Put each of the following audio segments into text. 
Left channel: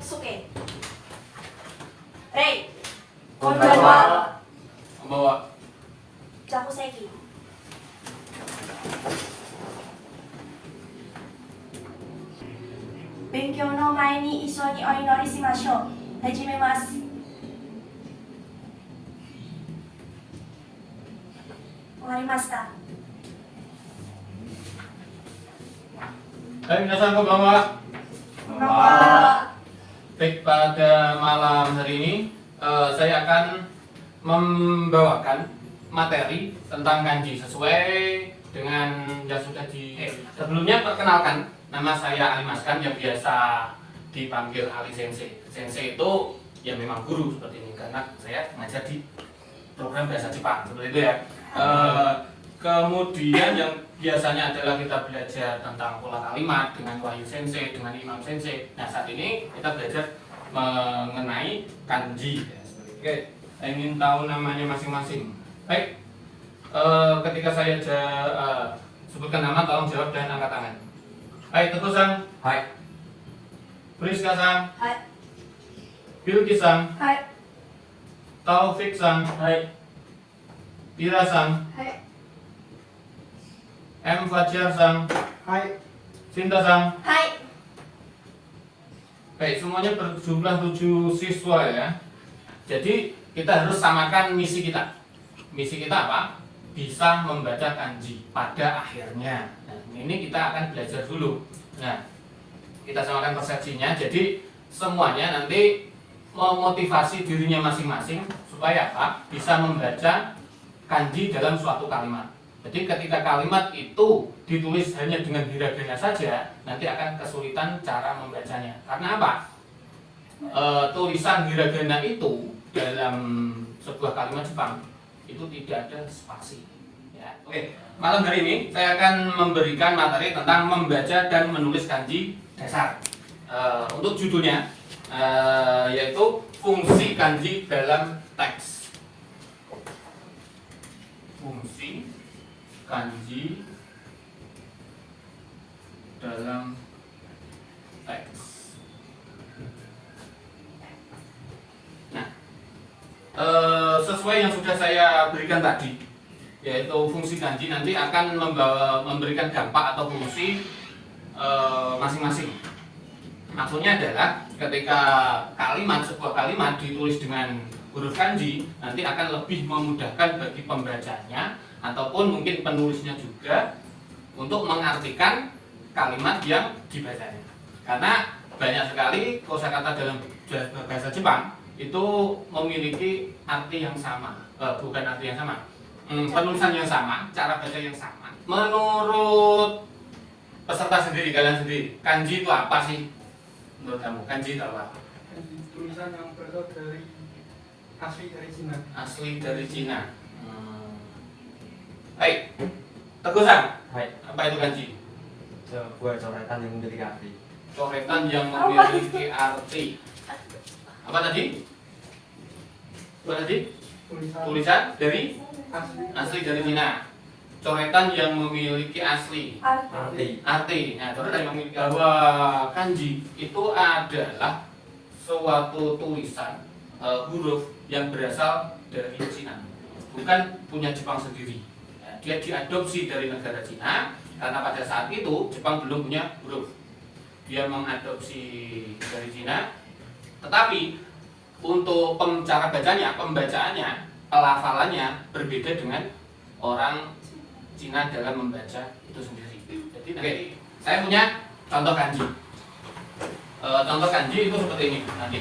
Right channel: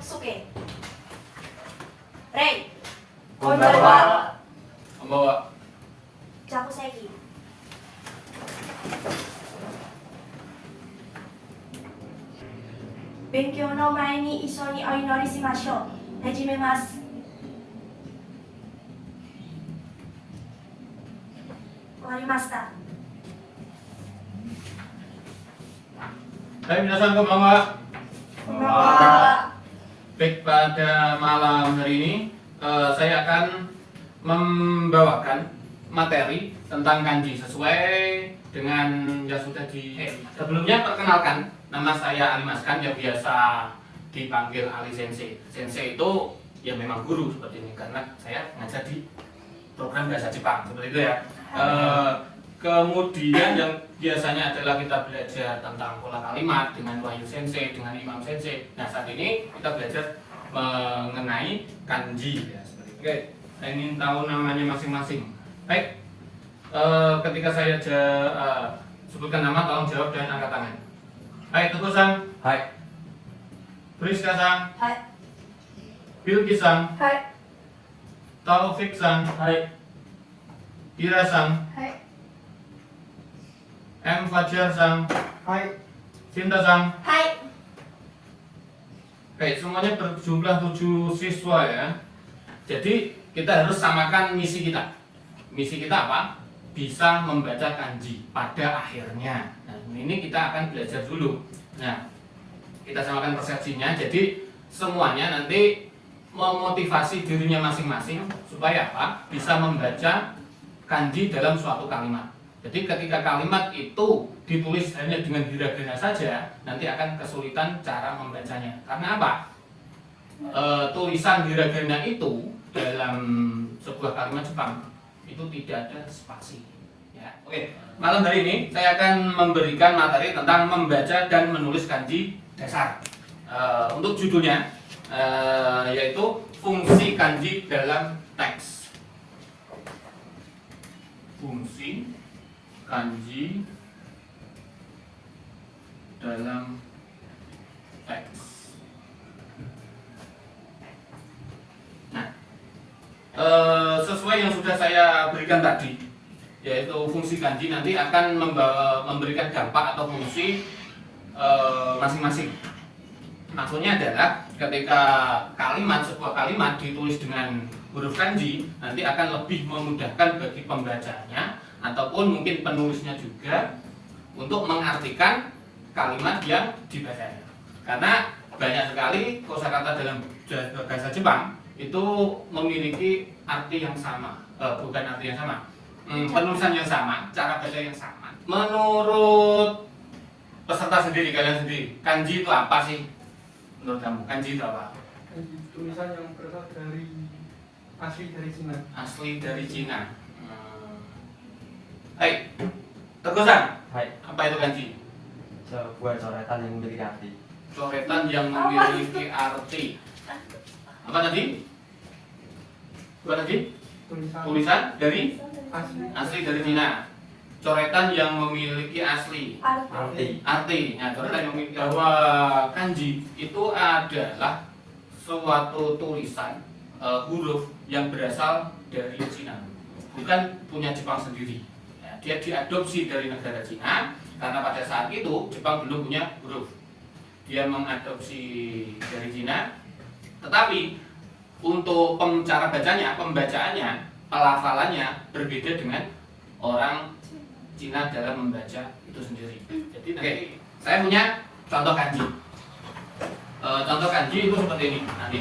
Suke. Rei. こんばんは。こんばんは。ジャムセギ。勉強の前に一緒にお祈りしましょう。始めます。終わりました。Hai minasan konbanwa. Konbanwa. Baik, pada malam hari ini saya akan membawakan materi tentang kanji sesuai dengan yang sudah sebelumnya. Perkenalkan, nama saya Ali Maskan yang biasa dipanggil Ali Sensei. Sensei itu ya memang guru seperti ini karena saya ngajar di program bahasa Jepang seperti itu ya. Kemudian yang biasanya adalah kita belajar tentang pola kalimat dengan Wahyu Sensei, dengan Imam Sensei. Nah, saat ini kita belajar mengenai kanji ya, seperti itu. Oke, saya ingin tahu namanya masing-masing. Baik, ketika saya sebutkan nama, tolong jawab dan angkat tangan. Hai, Teguh-san. Hai. Priska-san. Hai. Bilki-san. Hai. Taufik-san. Hai. Ira-san. Hai. M. Fajar-san. Hai. Sinta-san. Hai. Baik, semuanya berjumlah 7 siswa ya. Jadi kita harus samakan misi kita. Misi kita apa? Bisa membaca kanji pada akhirnya. Nah, ini kita akan belajar dulu. Nah, kita samakan persepsinya. Jadi semuanya nanti memotivasi dirinya masing-masing supaya apa? Bisa membaca kanji dalam suatu kalimat. Jadi ketika kalimat itu ditulis hanya dengan hiragana saja, nanti akan kesulitan cara membacanya. Karena apa? Tulisan hiragana itu dalam sebuah kalimat Jepang itu tidak ada spasi. Ya. Oke, malam hari ini saya akan memberikan materi tentang membaca dan menulis kanji dasar. Untuk judulnya yaitu fungsi kanji dalam teks. Fungsi kanji dalam teks. Nah, sesuai yang sudah saya berikan tadi, yaitu fungsi kanji nanti akan memberikan dampak atau fungsi masing-masing. Maksudnya adalah ketika sebuah kalimat ditulis dengan huruf kanji, nanti akan lebih memudahkan bagi pembacanya ataupun mungkin penulisnya juga untuk mengartikan kalimat yang dibacanya. Karena banyak sekali kosakata dalam bahasa Jepang itu memiliki arti yang sama, bukan arti yang sama, penulisan yang sama, cara baca yang sama. Menurut peserta sendiri, kalian sendiri, kanji itu apa sih? Menurut kamu, kanji itu apa? Kanji tulisan yang berasal dari asli dari Cina. Asli dari Cina. Hai, Teguh-san. Hai. Apa itu kanji? Sebuah coretan yang memiliki arti. Coretan yang memiliki arti. Apa tadi? Apa tadi? Tulisan dari asli dari Cina. Coretan yang memiliki asli arti. Nah, coretan yang memiliki bahwa kanji itu adalah suatu tulisan huruf yang berasal dari Cina, bukan punya Jepang sendiri. Dia diadopsi dari negara Cina karena pada saat itu Jepang belum punya huruf. Dia mengadopsi dari Cina, tetapi untuk cara bacanya, pembacaannya, pelafalannya berbeda dengan orang Cina dalam membaca itu sendiri. Jadi nanti saya punya contoh kanji. Contoh kanji itu seperti ini nanti.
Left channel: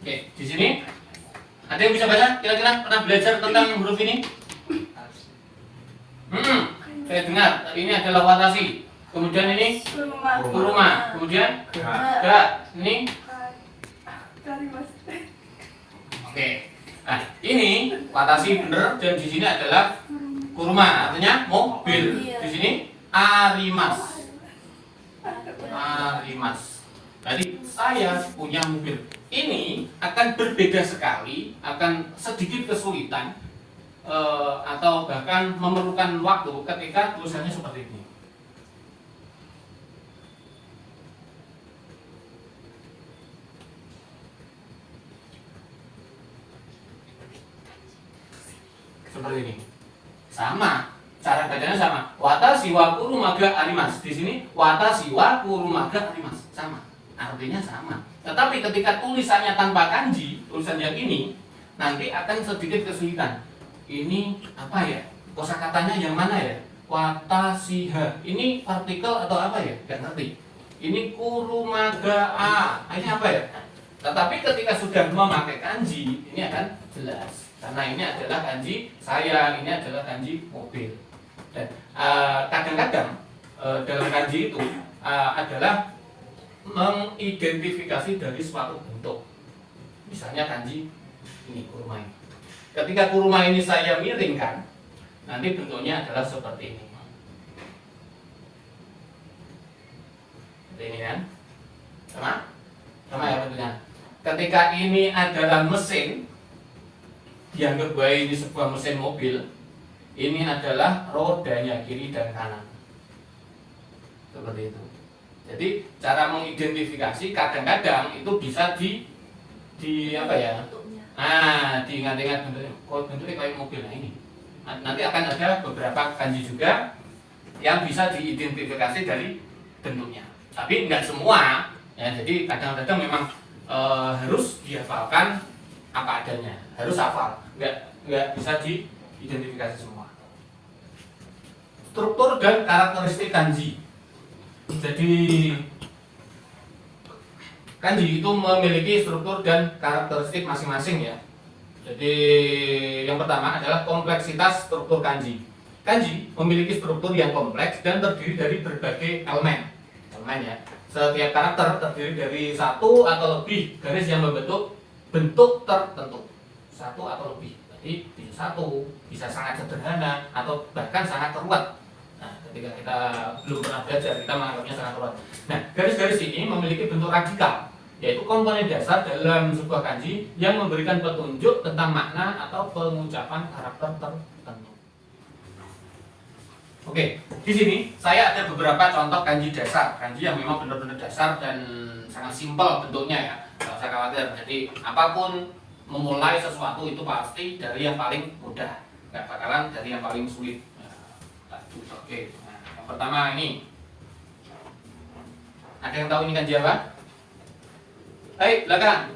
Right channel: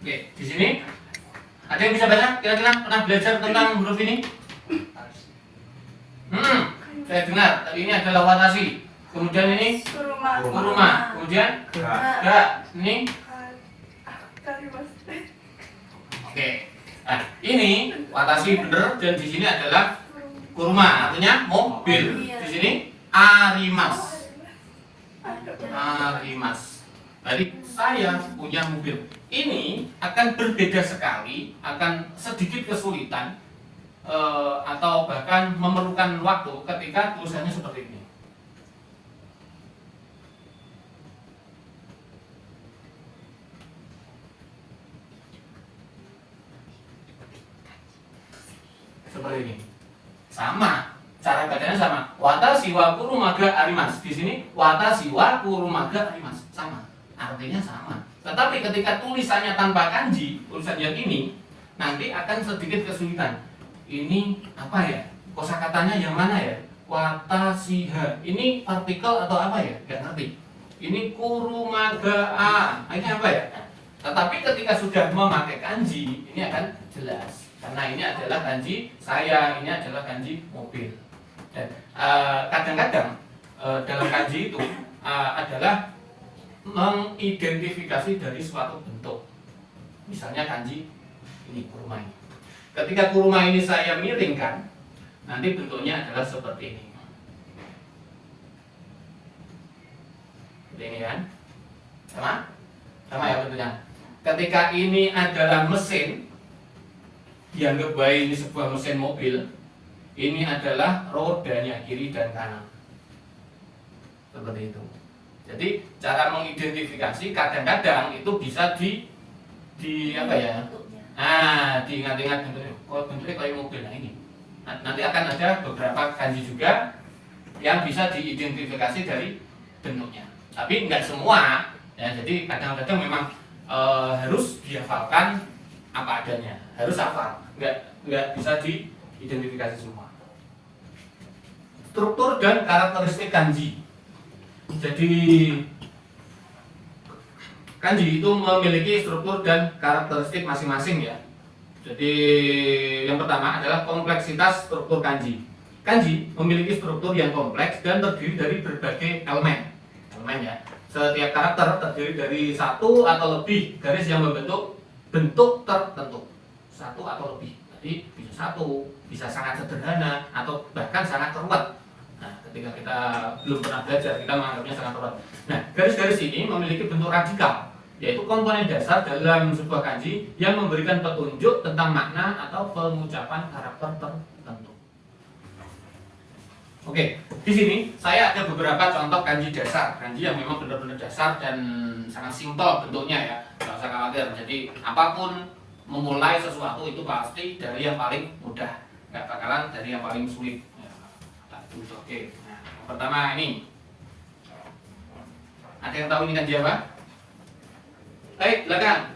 Oke, di sini ada yang bisa baca? Kira-kira pernah belajar tentang huruf ini? Saya dengar tadi ini adalah watashi. Kemudian ini kuruma. Kemudian ga. Ini. Oke. Nah, ini watashi bener dan di sini adalah kuruma, artinya mobil. Di sini arimas. arimasu. Jadi saya punya mobil. Ini akan berbeda sekali, akan sedikit kesulitan atau bahkan memerlukan waktu ketika tulisannya seperti ini. Seperti ini. Sama, cara bacanya sama. Watashi wa kurumaga arimasu. Di sini watashi wa kurumaga arimasu. Sama. Artinya sama. Tetapi ketika tulisannya tanpa kanji, tulisan yang ini nanti akan sedikit kesulitan. Ini apa ya? Kosakatanya yang mana ya? Watashiha. Ini partikel atau apa ya? Gak ngerti. Ini kurumaga a. Ini apa ya? Tetapi ketika sudah memakai kanji, ini akan jelas. Karena ini adalah kanji saya, ini adalah kanji mobil. Dan kadang-kadang dalam kanji itu adalah mengidentifikasi dari suatu bentuk. Misalnya kanji ini kuruma ini. Ketika kuruma ini saya miringkan, nanti bentuknya adalah seperti ini. Seperti ini kan? Sama? Sama ya bentuknya. Ketika ini adalah mesin, dianggap bahwa ini sebuah mesin mobil. Ini adalah rodanya kiri dan kanan. Seperti itu. Jadi cara mengidentifikasi kadang-kadang itu bisa di apa ya? Diingat-ingat bentuknya. Oh, bentuknya kayak mobil. Nah ini. Nanti akan ada beberapa kanji juga yang bisa diidentifikasi dari bentuknya. Tapi enggak semua. Ya, jadi kadang-kadang memang harus dihafalkan apa adanya. Harus hafal. Enggak bisa diidentifikasi semua. Struktur dan karakteristik kanji. Jadi kanji itu memiliki struktur dan karakteristik masing-masing ya. Jadi yang pertama adalah kompleksitas struktur kanji. Kanji memiliki struktur yang kompleks dan terdiri dari berbagai elemen. Elemen ya. Setiap karakter terdiri dari satu atau lebih garis yang membentuk bentuk tertentu. Satu atau lebih. Jadi bisa satu, bisa sangat sederhana atau bahkan sangat ruwet. Nah, ketika kita belum pernah belajar, kita menganggapnya sangat ruwet. Nah, garis-garis ini memiliki bentuk radikal, yaitu komponen dasar dalam sebuah kanji yang memberikan petunjuk tentang makna atau pengucapan karakter tertentu. Oke, di sini saya ada beberapa contoh kanji dasar, kanji yang memang benar-benar dasar dan sangat simpel bentuknya ya, nggak usah khawatir. Jadi apapun memulai sesuatu itu pasti dari yang paling mudah, nggak bakalan dari yang paling sulit. Oke, nah, yang pertama ini, ada yang tahu ini kanji apa? Baik, belakang.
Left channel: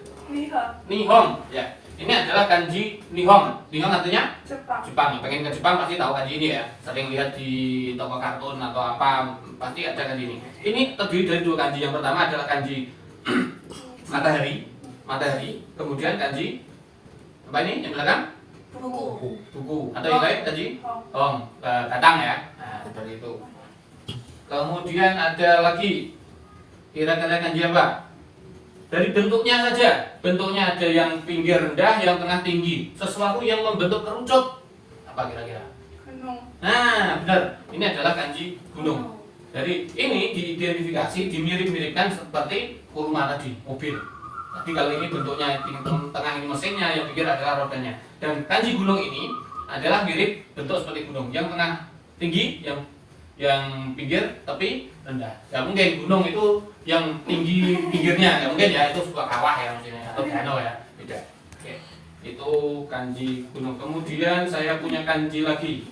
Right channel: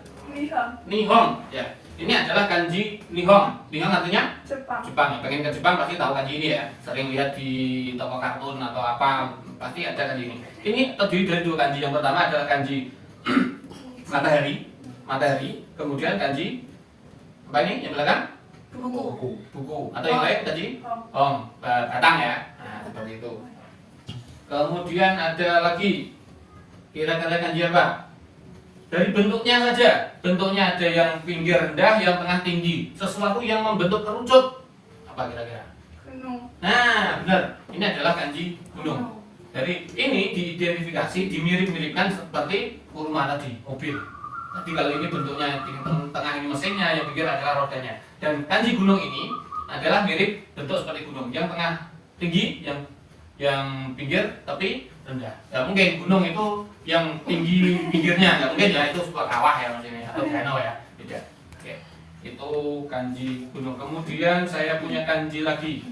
Nihon, ya. Ini adalah kanji Nihon. Nihon artinya Jepang. Pengen ke Jepang pasti tahu kanji ini ya. Sering lihat di toko kartun atau apa, pasti ada kanji ini. Ini terdiri dari dua kanji. Yang pertama adalah kanji matahari. Kemudian kanji apa ini? Yang belakang? Buku. Atau yang lain kanji? Hong. Datang ya. Nah, seperti itu. Kemudian ada lagi. Kira-kira kanji apa? Dari bentuknya saja, bentuknya ada yang pinggir rendah, yang tengah tinggi, sesuatu yang membentuk kerucut. Apa kira-kira? Gunung. Nah, benar. Ini adalah kanji gunung. Jadi ini diidentifikasi, dimirip-miripkan seperti kuruma tadi, mobil. Jadi kalau ini bentuknya yang tengah ini mesinnya, yang pinggir adalah rodanya. Dan kanji gunung ini adalah mirip bentuk seperti gunung, yang tengah tinggi, yang pinggir tapi rendah. Gak mungkin gunung itu yang tinggi pinggirnya, nggak mungkin ya, itu sebuah kawah ya maksudnya atau danau ya, tidak. Oke, itu kanji gunung. Kemudian saya punya kanji lagi.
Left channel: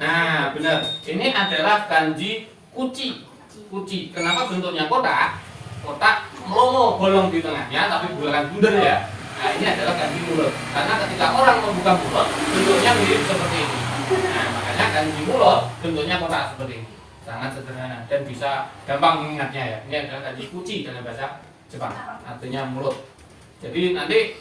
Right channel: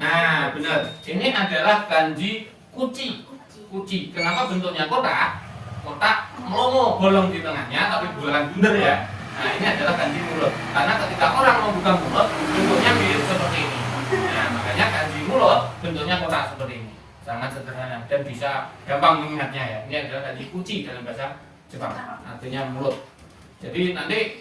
Nah, benar. Ini adalah kanji kuci. Kenapa bentuknya kotak? Kotak melomo bolong di tengahnya, tapi bukan bunder ya. Nah, ini adalah kanji mulut. Karena ketika orang membuka mulut, bentuknya mirip seperti ini. Nah, makanya kanji mulut bentuknya kotak seperti ini. Sangat sederhana dan bisa gampang mengingatnya ya. Ini adalah kanji kuci dalam bahasa Jepang, artinya mulut. Jadi nanti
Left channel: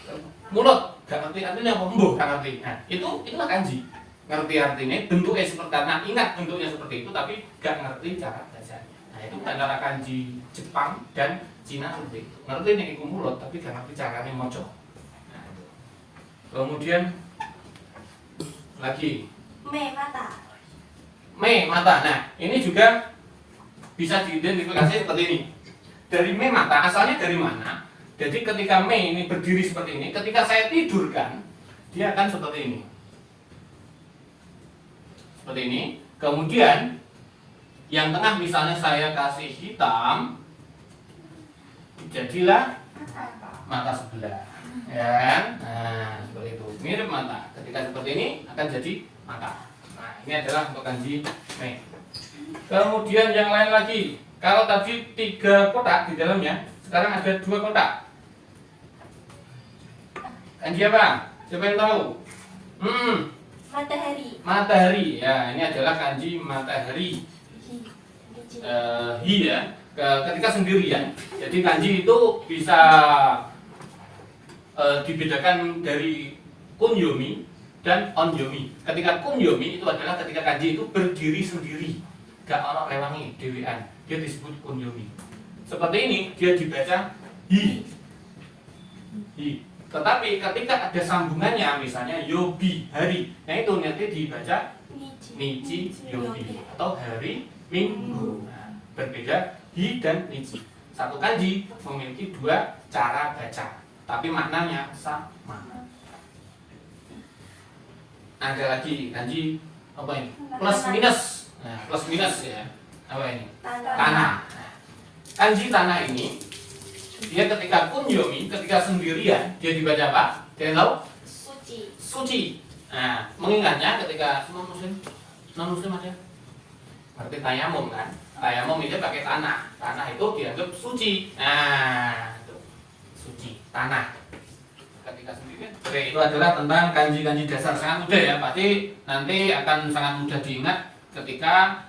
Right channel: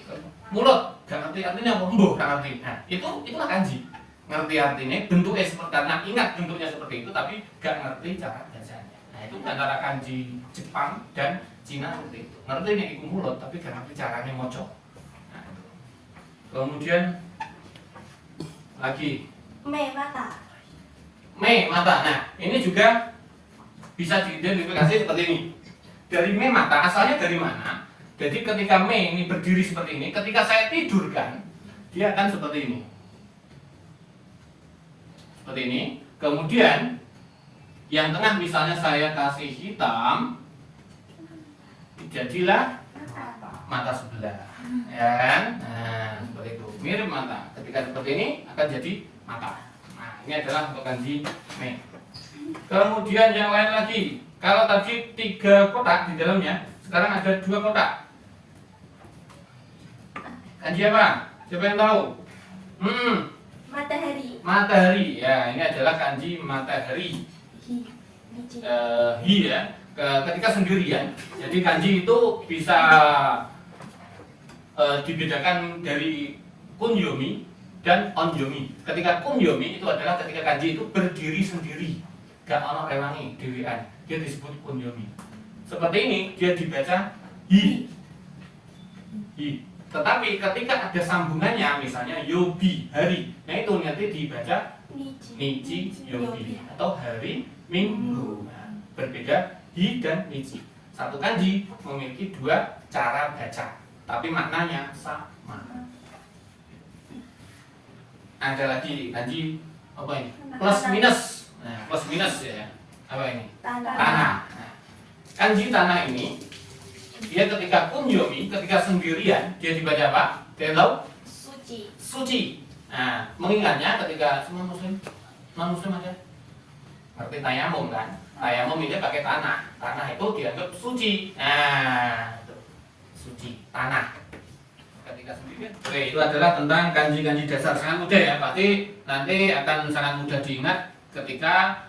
mulut gak ngerti artinya apa, gak ngerti. Nah, itulah kanji. Ngerti artinya, bentuknya seperti, karena ingat bentuknya seperti itu tapi gak ngerti cara bacanya. Nah, itu antara kanji Jepang dan Cina seperti itu. Ngerti nih iku mulut tapi gak ngerti caranya moco. Nah, itu. Kemudian lagi Me mata. mata. Nah, ini juga bisa diidentifikasi seperti ini. Dari me mata, asalnya dari mana? Jadi ketika me ini berdiri seperti ini, ketika saya tidurkan, dia akan seperti ini. Seperti ini. Kemudian yang tengah misalnya saya kasih hitam, jadilah mata sebelah, ya kan? Nah, seperti itu. Mirip mata. Ketika seperti ini akan jadi mata. Nah, ini adalah untuk kanji me. Kemudian yang lain lagi, kalau tadi 3 kotak di dalamnya, sekarang ada 2 kotak. Kanji apa? Siapa yang tahu? Matahari. Matahari. Ya, ini adalah kanji matahari. Hi ya. Ketika sendirian. Jadi kanji itu bisa dibedakan dari kunyomi dan onyomi. Ketika kunyomi itu adalah ketika kanji itu berdiri sendiri, gak ono rewangi dewean, dia disebut kunyomi. Seperti ini dia dibaca hi. Tetapi ketika ada sambungannya, misalnya yobi hari, nah itu nanti dibaca nichi yobi atau hari minggu. Nah, berbeda hi dan nichi. Satu kanji memiliki 2 cara baca, tapi maknanya sama. Ada lagi kanji apa ini? Plus minus. Nah, plus minus ya. Apa ini? Tanah. Nah, kanji tanah ini dia ketika kunyomi, ketika sendirian, dia dibaca apa? Kalian tahu? Suci. Suci. Nah, mengingatnya ketika semua muslim, non muslim aja. Berarti tayamum kan? Tayamum itu pakai tanah. Tanah itu dianggap suci. Nah, itu suci tanah. Ketika sendirian. Oke, itu adalah tentang kanji-kanji dasar, sangat mudah ya. Pasti nanti akan sangat mudah diingat ketika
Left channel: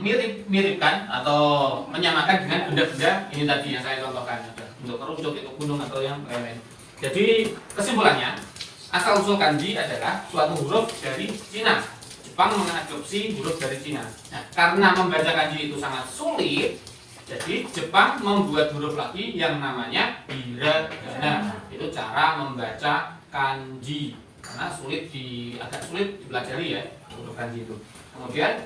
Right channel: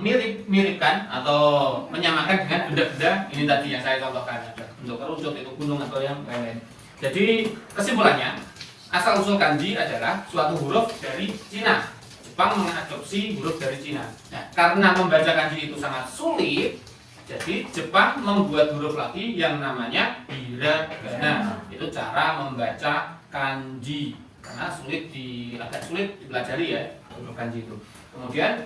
mirip-miripkan atau menyamakan dengan benda-benda ini tadi yang saya contohkan. Untuk kerucut itu gunung atau yang lain-lain. Jadi kesimpulannya, asal usul kanji adalah suatu huruf dari Cina. Jepang mengadopsi huruf dari Cina. Nah, karena membaca kanji itu sangat sulit, jadi Jepang membuat huruf lagi yang namanya hiragana. Itu cara membaca kanji. Karena agak sulit dipelajari ya huruf kanji itu. Kemudian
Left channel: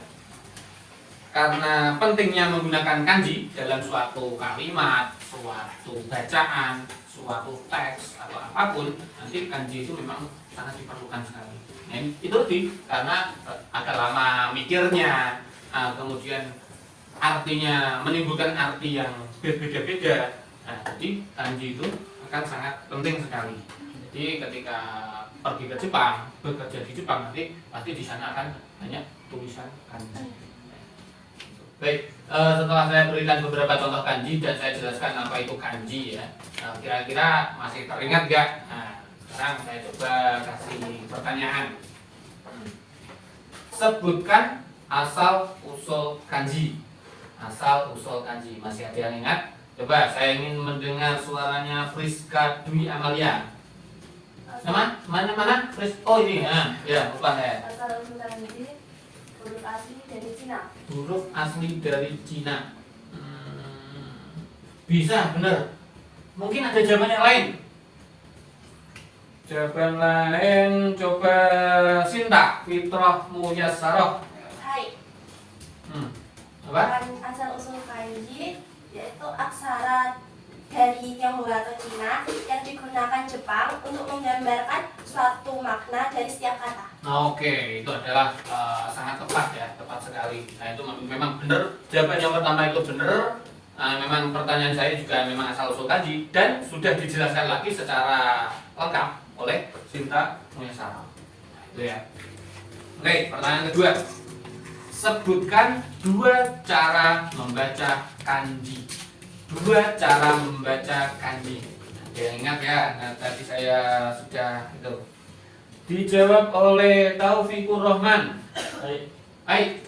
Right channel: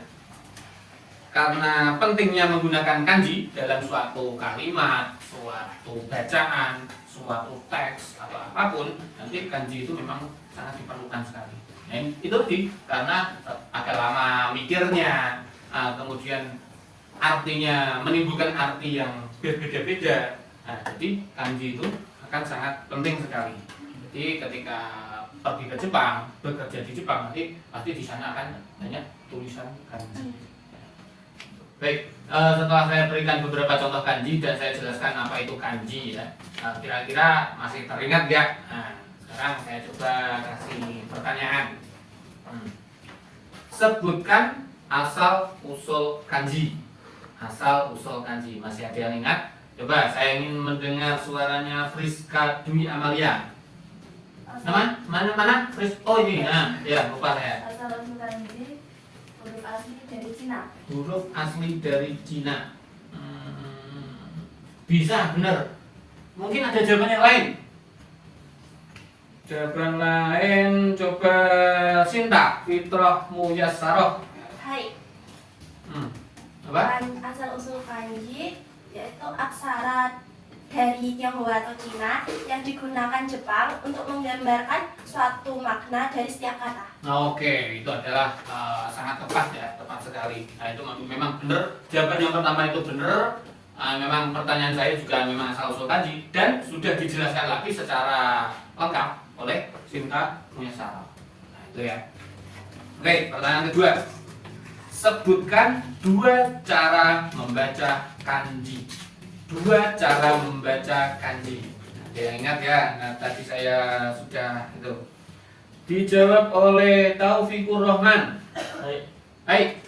karena pentingnya menggunakan kanji dalam suatu kalimat, suatu bacaan, suatu teks atau apapun, nanti kanji itu memang sangat diperlukan sekali. Nah, itu karena agak lama mikirnya, kemudian artinya menimbulkan arti yang berbeda-beda. Nah, jadi kanji itu akan sangat penting sekali. Jadi ketika pergi ke Jepang, bekerja di Jepang, nanti pasti di sana akan banyak tulisan kanji. Baik, setelah saya berikan beberapa contoh kanji dan saya jelaskan apa itu kanji ya, kira-kira masih teringat gak? Nah, sekarang saya coba kasih pertanyaan. Sebutkan asal usul kanji. Asal usul kanji, masih ada yang ingat? Coba, saya ingin mendengar suaranya Friska Dwi Amalia. Mana? Oh ini, ya lupa saya. Asal usul kanji huruf asli dari Cina. Huruf asli dari Cina. Bisa, benar. Mungkin ada jawaban yang lain. Jawaban lain, coba Sinta, Fitrah Muyasaroh. Hai. Apa? Asal usul kanji yaitu aksara dari Tionghoa atau Cina yang digunakan Jepang untuk menggambarkan suatu makna dari setiap kata. Oke, itu adalah sangat tepat ya, tepat sekali. Nah itu memang benar. Jawaban yang pertama itu benar. Memang pertanyaan saya juga memang asal usul kanji dan sudah dijelaskan lagi secara lengkap oleh Sinta Mulyasara. Nah itu ya. Oke, pertanyaan kedua. Sebutkan 2 cara membaca kanji. 2 cara membaca kanji. Ada yang ingat ya? Nah, tadi saya sudah itu. Dijawab oleh Taufikur Rahman. Hai.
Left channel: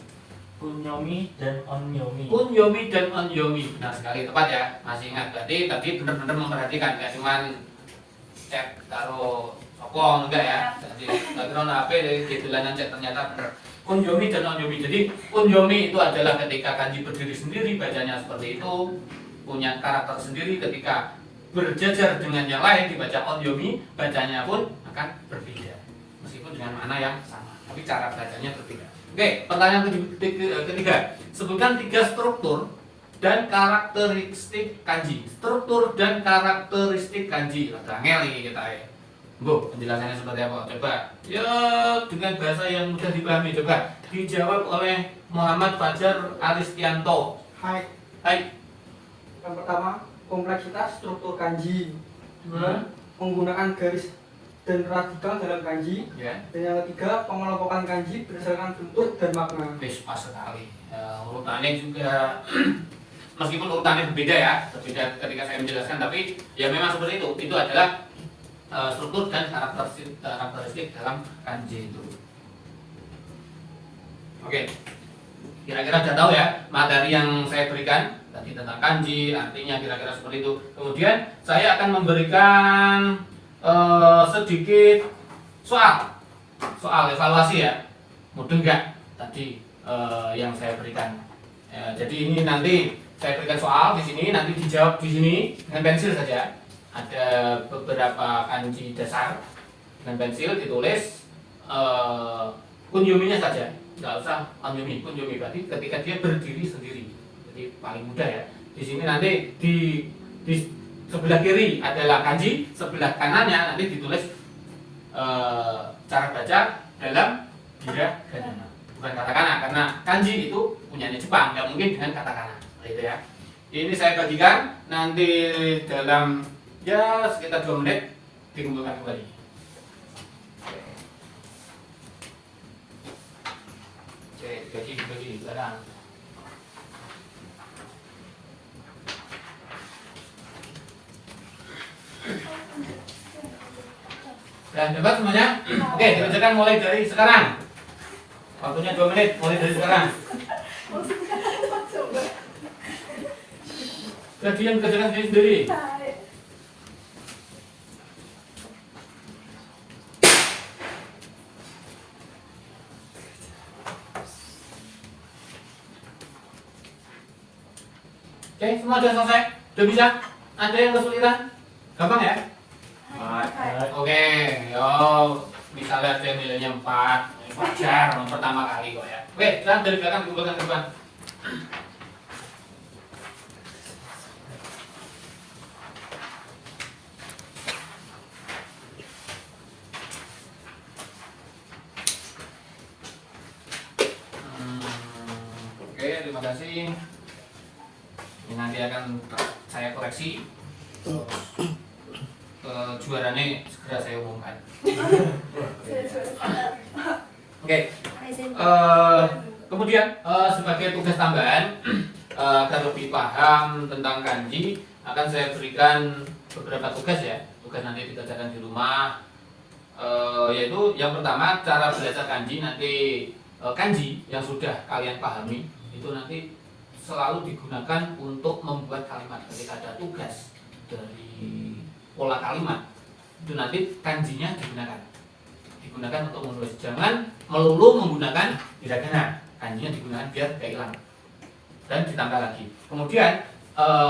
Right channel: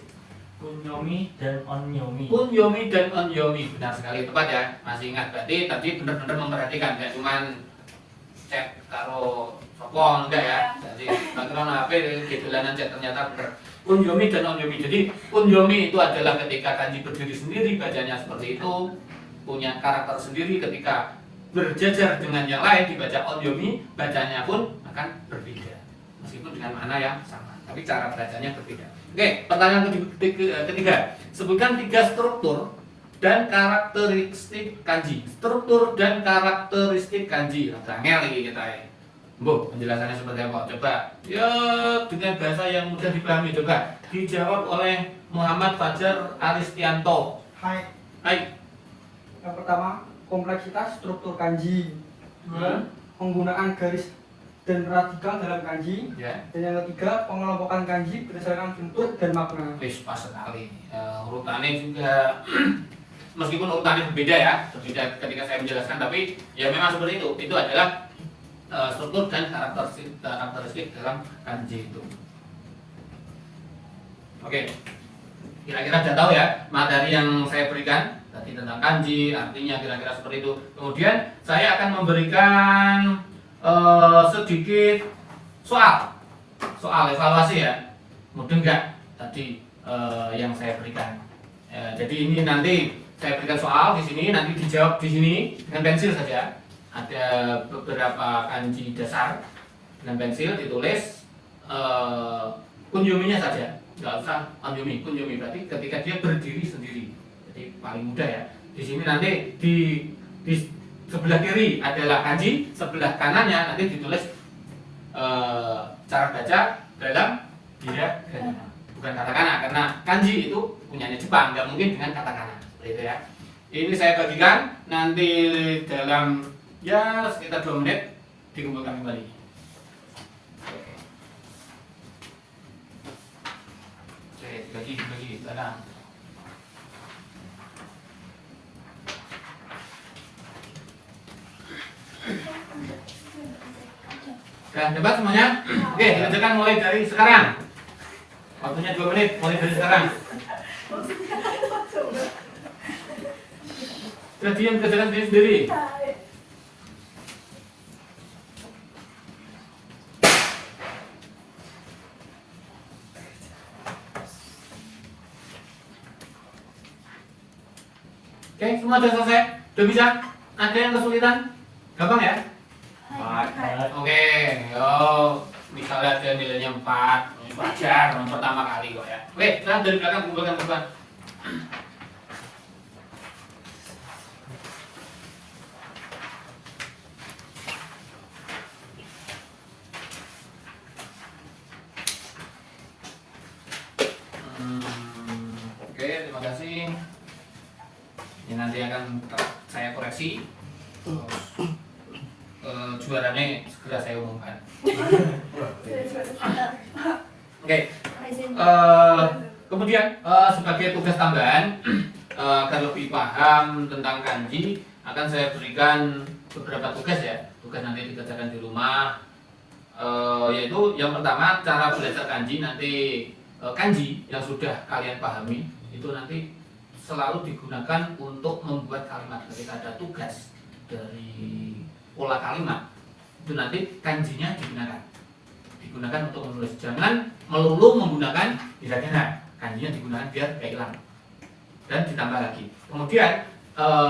Kunyomi dan onyomi. Kunyomi dan onyomi. Benar sekali, tepat ya. Masih ingat berarti tadi benar-benar memperhatikan, ya cuman chat karo sopong enggak ya. Jadi background HP di bulanan chat ternyata benar. Kunyomi dan onyomi. Jadi kunyomi itu adalah ketika kanji berdiri sendiri, bacanya seperti itu, punya karakter sendiri. Ketika berjajar dengan yang lain dibaca onyomi, bacanya pun akan berbeda. Meskipun dengan makna yang sama, tapi cara bacanya berbeda. Oke, pertanyaan ketiga. Sebutkan 3 struktur dan karakteristik kanji. Struktur dan karakteristik kanji. Angel iki kita ya. Bu, penjelasannya seperti apa? Coba ya dengan bahasa yang mudah dipahami. Coba dijawab oleh Muhammad Fajar Aristianto. Hai. Hai. Yang pertama, kompleksitas struktur kanji. Penggunaan garis dan radikal dalam kanji. Ya. Dan yang ketiga, pengelompokan kanji berdasarkan bentuk dan makna. Pas sekali. Urutannya juga meskipun urutannya berbeda ya, berbeda ketika saya menjelaskan, tapi ya memang seperti itu. Itu adalah struktur dan karakteristik dalam kanji itu. Oke. Kira-kira sudah tahu ya materi yang saya berikan tadi tentang kanji, artinya kira-kira seperti itu. Kemudian saya akan memberikan sedikit soal evaluasi ya. Mudah nggak tadi yang saya berikan? Jadi ini nanti saya berikan soal di sini, nanti dijawab di sini dengan pensil saja. Ada beberapa kanji dasar dengan pensil ditulis kunyominya saja, nggak usah onyomi. Kunyomi berarti ketika dia berdiri sendiri, jadi paling mudah ya. Di sini nanti di sebelah kiri adalah kanji, sebelah kanannya nanti ditulis cara baca dalam hiragana, bukan katakana, karena kanji itu punyanya Jepang, nggak mungkin dengan katakana, seperti itu ya. Ini saya bagikan nanti dalam ya sekitar 2 menit dikumpulkan kembali. Oke, bagi barang. Sudah dapat semuanya? Oke, dikerjakan mulai dari sekarang. Waktunya 2 menit, mulai dari sekarang. Sudah diam, kerjakan sendiri. Oke, semua sudah selesai? Sudah bisa? Ada yang kesulitan? Gampang ya? Oke, yo misalnya ada nilainya 4, wajar, pertama kali kok ya. Oke, sekarang dari belakang kumpulkan ke depan. Oke, terima kasih. Ini nanti akan saya koreksi. Juaranya segera saya umumkan. Oke. Kemudian sebagai tugas tambahan agar lebih paham tentang kanji akan saya berikan beberapa tugas ya. Tugas nanti dikerjakan di rumah. Yaitu yang pertama cara belajar kanji. Nanti kanji yang sudah kalian pahami itu nanti selalu digunakan untuk membuat kalimat. Ketika ada tugas dari pola kalimat itu nanti kanjinya digunakan untuk menulis. Jangan melulu menggunakan hiragana, kanjinya digunakan biar gak hilang dan ditambah lagi. Kemudian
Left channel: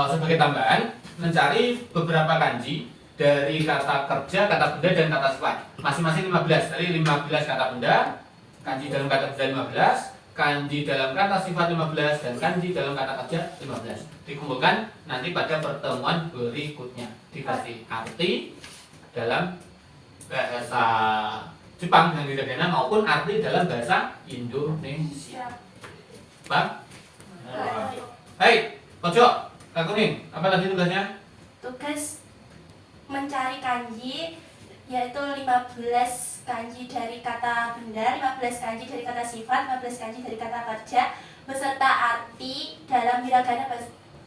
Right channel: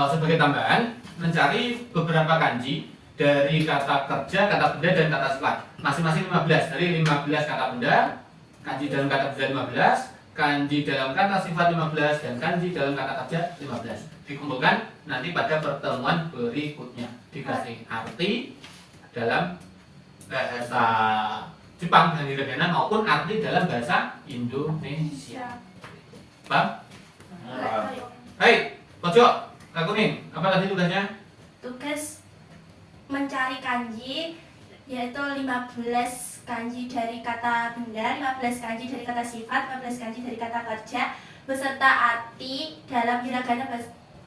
sebagai tambahan mencari beberapa kanji dari kata kerja, kata benda dan kata sifat masing-masing 15. Dari 15 kata benda, kanji dalam kata benda 15, kanji dalam kata sifat 15, dan kanji dalam kata kerja 15. Dikumpulkan nanti pada pertemuan berikutnya. Dikasih arti dalam bahasa Jepang dengan hiragana maupun arti dalam bahasa Indonesia. Bang? Hai, pojok, Kak Kuning, apa tadi tugasnya? Tugas mencari kanji yaitu 15 kanji dari kata benda, 15 kanji dari kata sifat, 15 kanji dari kata kerja beserta arti dalam hiragana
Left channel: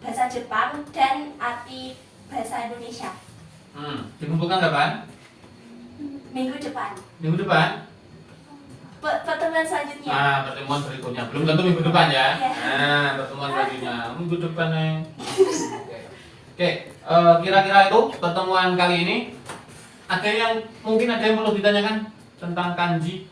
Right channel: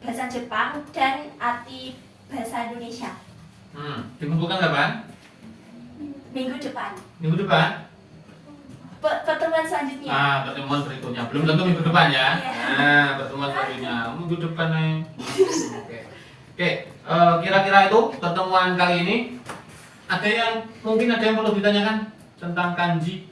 bahasa Jepang dan arti bahasa Indonesia. Dikumpulkan kapan? Minggu depan. Minggu depan? Pertemuan selanjutnya. Pertemuan berikutnya. Belum tentu minggu depan ya. Iya. Pertemuan selanjutnya minggu depan nih. Oke, kira-kira itu pertemuan kali ini. Ada yang mungkin ada yang perlu ditanyakan tentang kanji?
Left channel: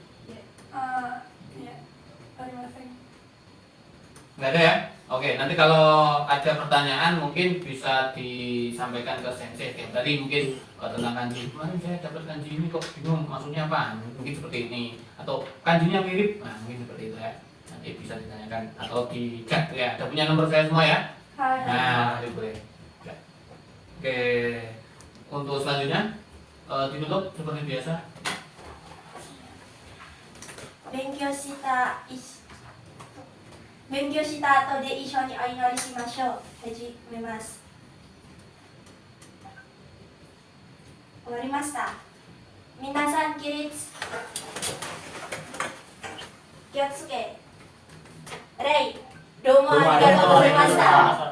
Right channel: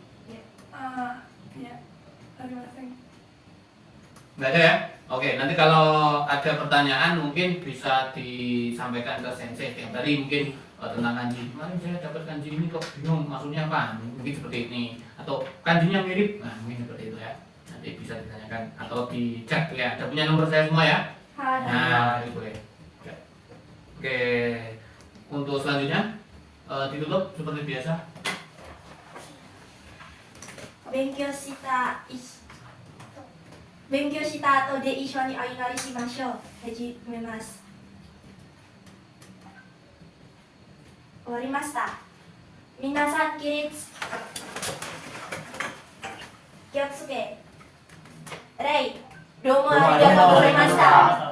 Nggak ada ya? Oke, nanti kalau ada pertanyaan mungkin bisa disampaikan ke sensei. Yang tadi mungkin kalau tentang kanji, kemarin saya dapat kanji ini kok bingung maksudnya apa? Mungkin seperti ini. Atau kanjinya mirip, nah mungkin seperti itu ya. bisa ditanyakan atau di chat ya. Ada punya nomor saya semua ya. Hai. Nah, itu boleh. Oke, untuk selanjutnya ditutup seperti biasa. 勉強した後で一緒にお祈りしましょう。始めます。終わりました。皆さん起立。気をつけ。礼。どうもありがとうございました。